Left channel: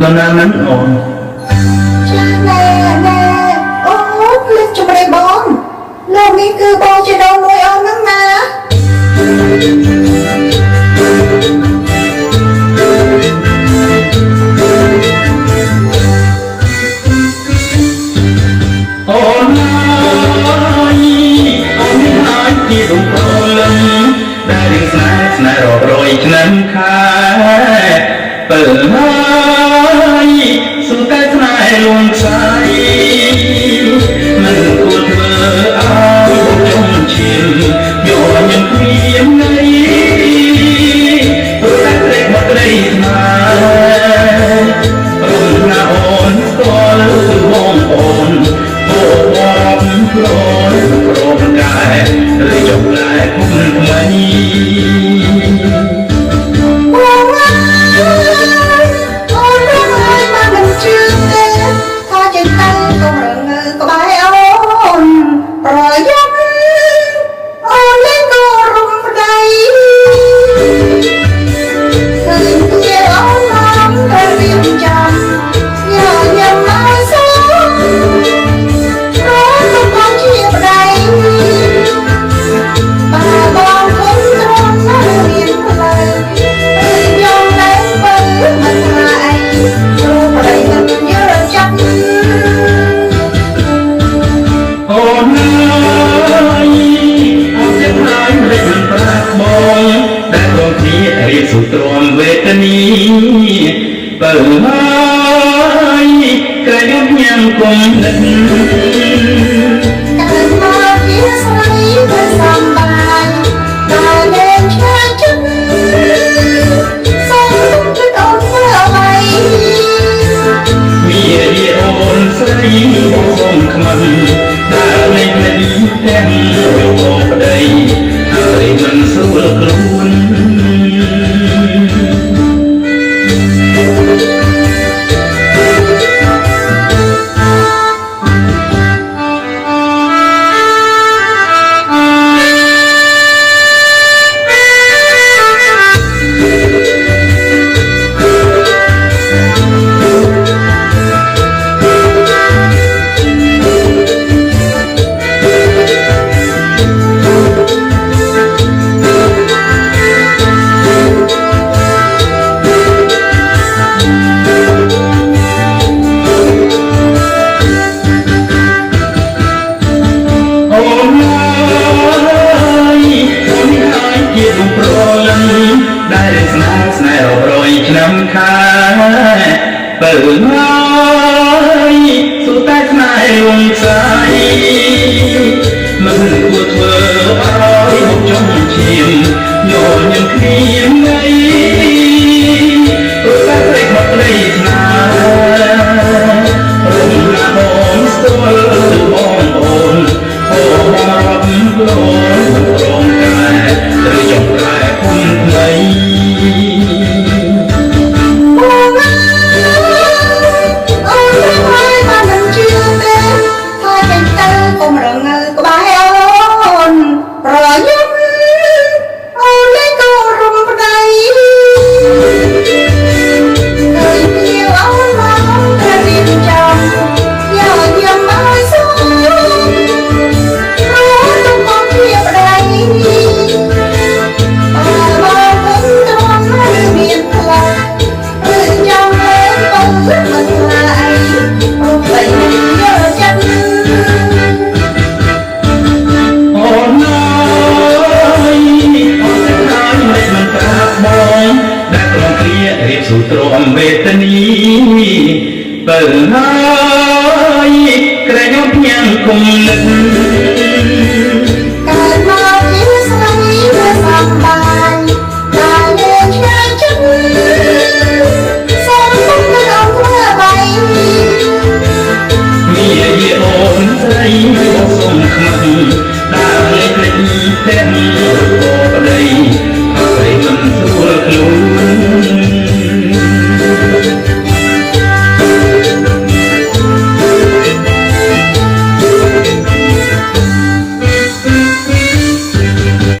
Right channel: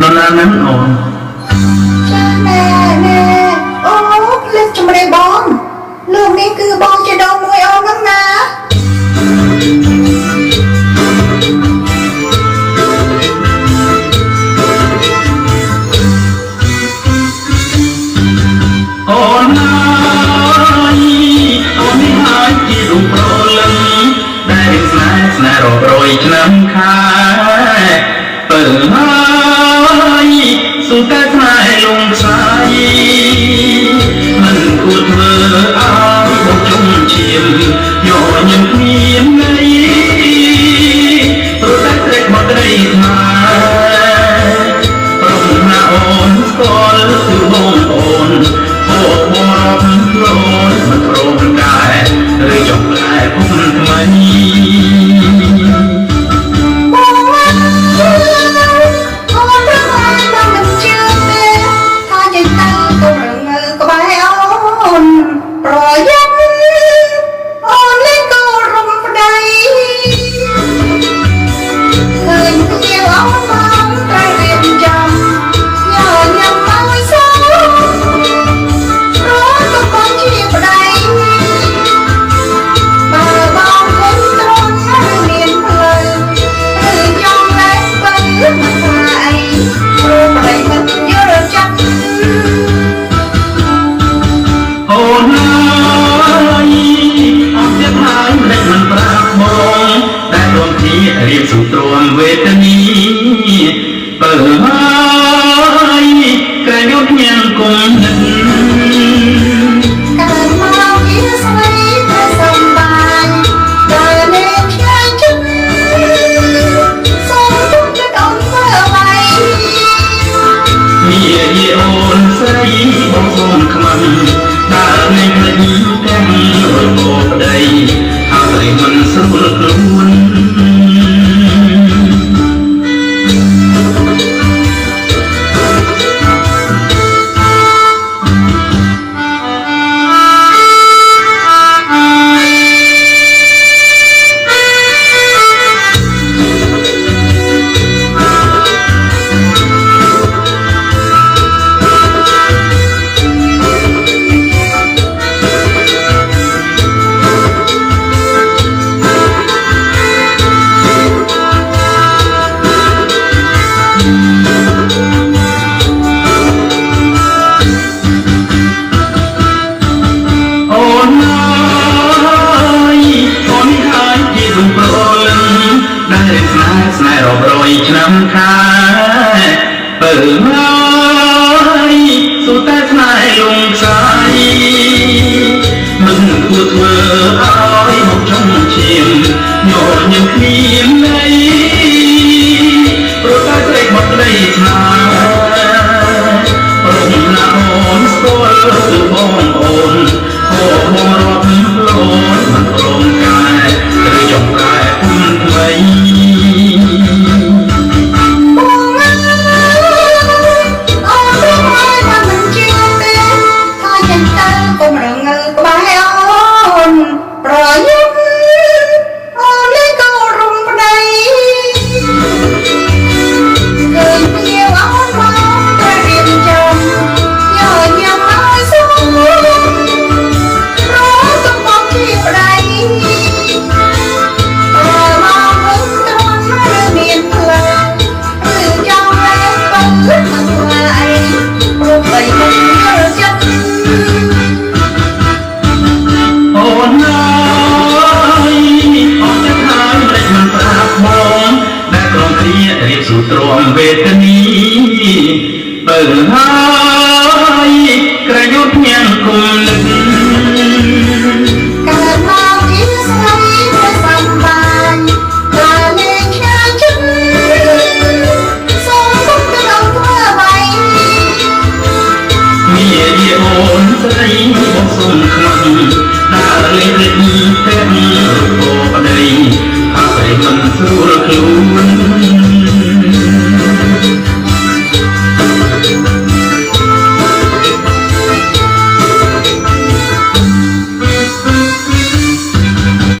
នរណានឹងអូនចាណែអូលើកជំរាបបងលោកនេះគឺបងជាដងមួយអូនហ្នឹងណាអូនហើយអូននេះហើយជារូបប្រលឹងដែលរៀងស្នេហ៍រាប់រយឆ្នាំខែពើហើយសុតែស្នេហ៍លងខ្សែមិនគួរធ្វើឲ្យបងចុងឈាមយកញឹមគ្មានន័យព្រោះតែត្រេកមកត្រីខ្មែរព្រមណាអូនស្គាល់គឺបងអូនពួកបបផ្លូនមិនព្រមកាយឬចុងខ្លែគុំថ្មីរៀបសុទ្រាំវេទនីបើហើយក្រយុទ្ធញ៉ាំគុំនិតកើតមកជាស្រីតែសំបានតែលេងឆ្ងាយចិត្តសូមទុកចិត្តអូនធ្វើអ្វីមានអូនស្រីបងសូមខ្មាំបើលេងភ្លេចទាំងរោប្តីហើយមិនស្រួលខ្លួនឆ្នាំខែបើហើយសុតែស្នេហ៍លងខ្សែមិនគួរធ្វើឲ្យមកចុងឈាមញញឹមគ្មានន័យព្រោះតែត្រេកមកត្រីស្នេហ៍រំលាអូនស្គាល់គឺបងអូនអូបងរាប់ផ្លូនមិនព្រមកាយឬចង់ប្រែគុំថ្មីរៀបសុទ្រាំវេទនីបើហើយក្រយុទ្ធញ៉ាំគុំនិត